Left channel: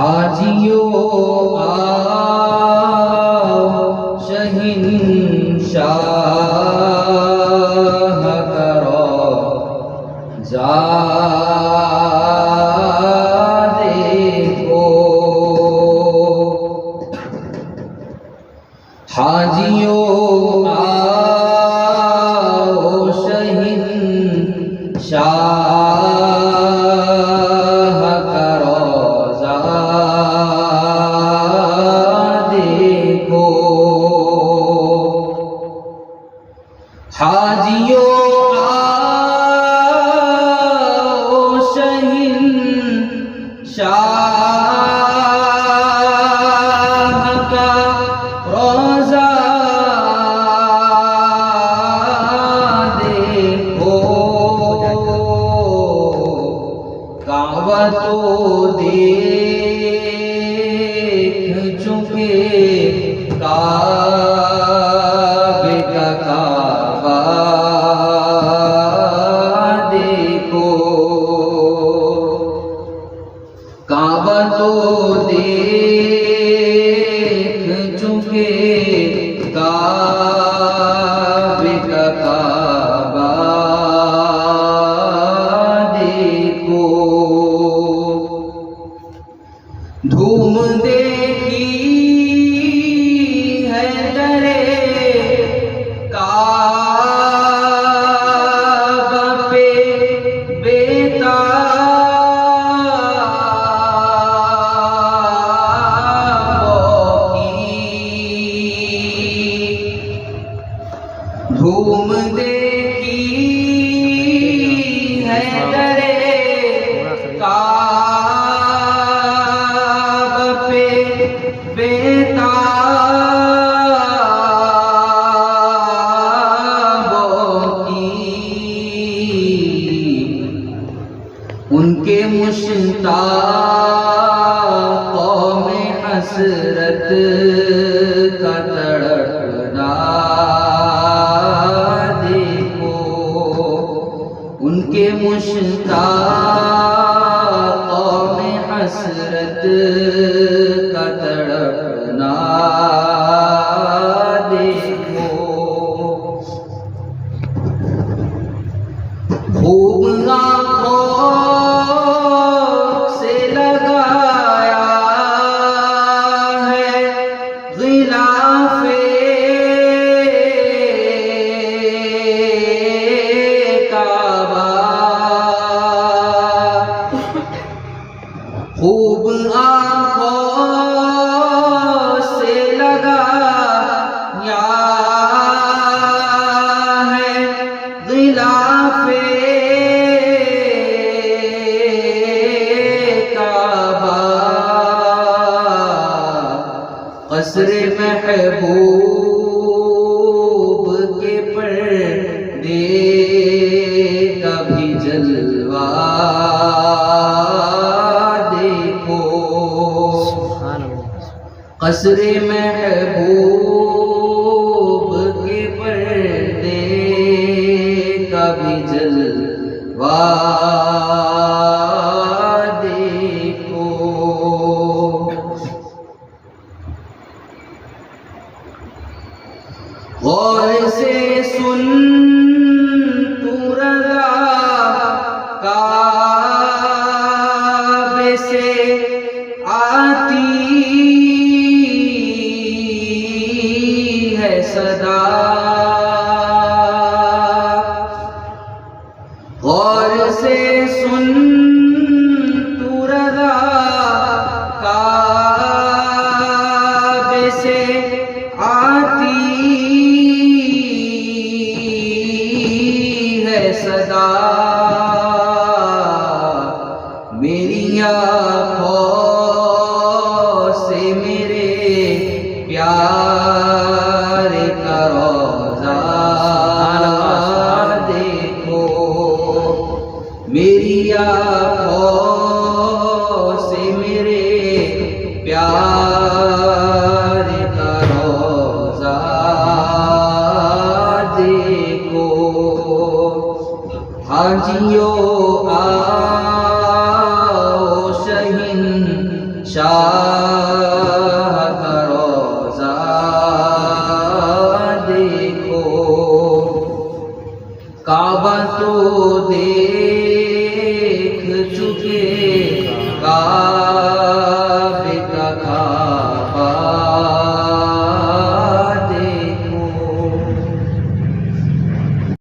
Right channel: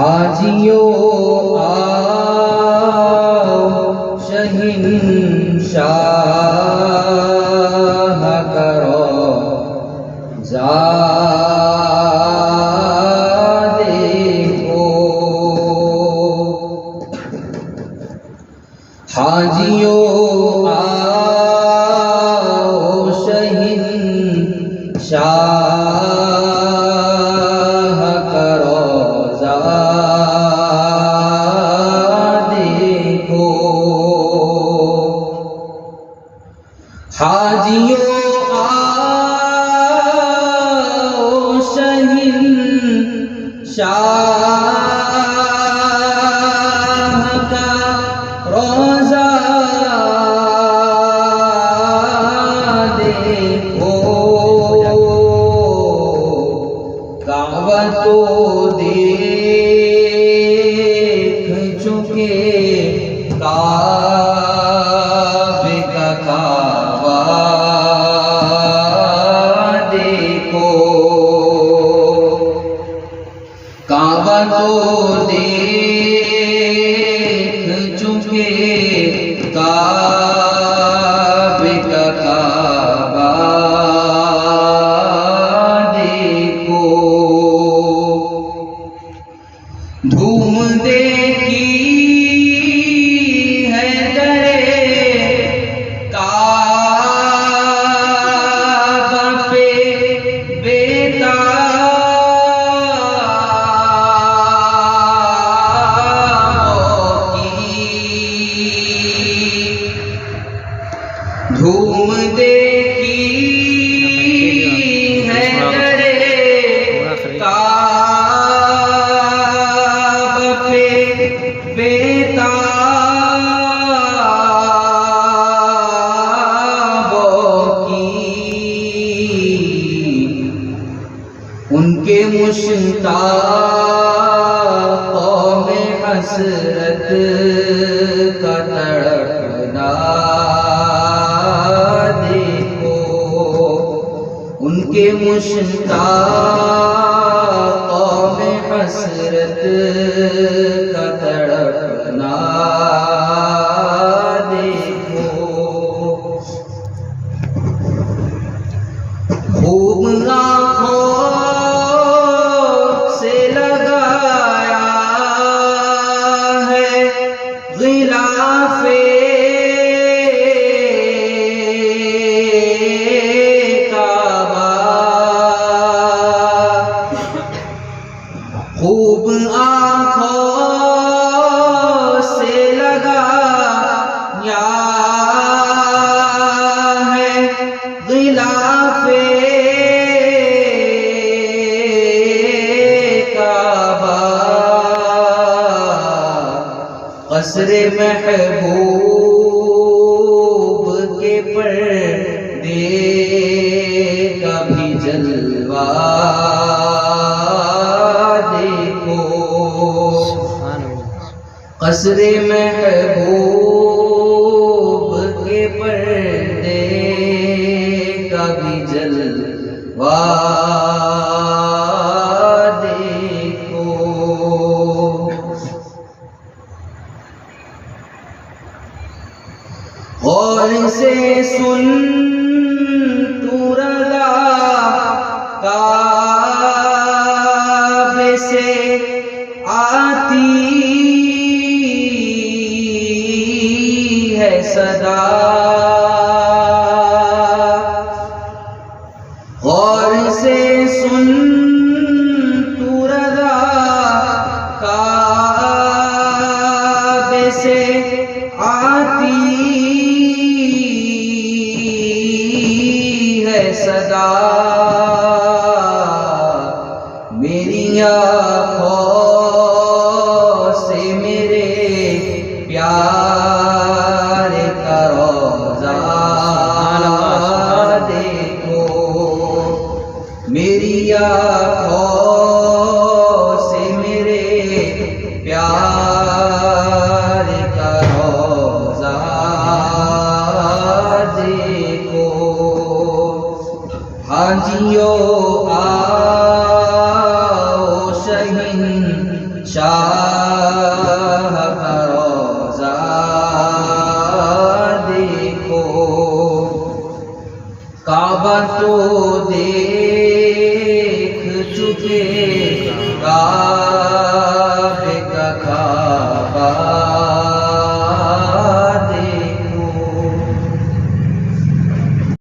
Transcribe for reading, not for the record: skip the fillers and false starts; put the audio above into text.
हाजियों आओ शहंशाह करो जा देखो। हाजियों आओ शहंशाह करो जा देखो। हाजियों आओ शहंशाह का रोज़ा देखो। काबा तो देख चुके काबे का काबा देखो। काबा तो देख चुके काबे का काबा देखो। धूम देखी है दरे काबा पे बेताबों की। धूम देखी है दरे काबा पे बेताबों की। उनके मुश्ताकों में हसरत का तड़पना देखो। उनके मुश्ताकों में हसरत का तड़पना देखो। खूब आँखों से लगाया है गिलाफे काबा। खूब आँखों से लगाया है गिलाफे काबा। क़स्र महबूब के पर्दे का भी जलवा देखो। क़स्र महबूब के पर्दे का भी जलवा देखो। गौर से सुन तू रज़ा काबे से आती है सदा। गौर से सुन तू रज़ा काबे से आती है सदा। मेरी आँखों से मेरे प्यार का रोज़ा देखो। मेरी आँखों से मेरे प्यार का रोज़ा देखो। हाजियों आओ शहंशाह शाह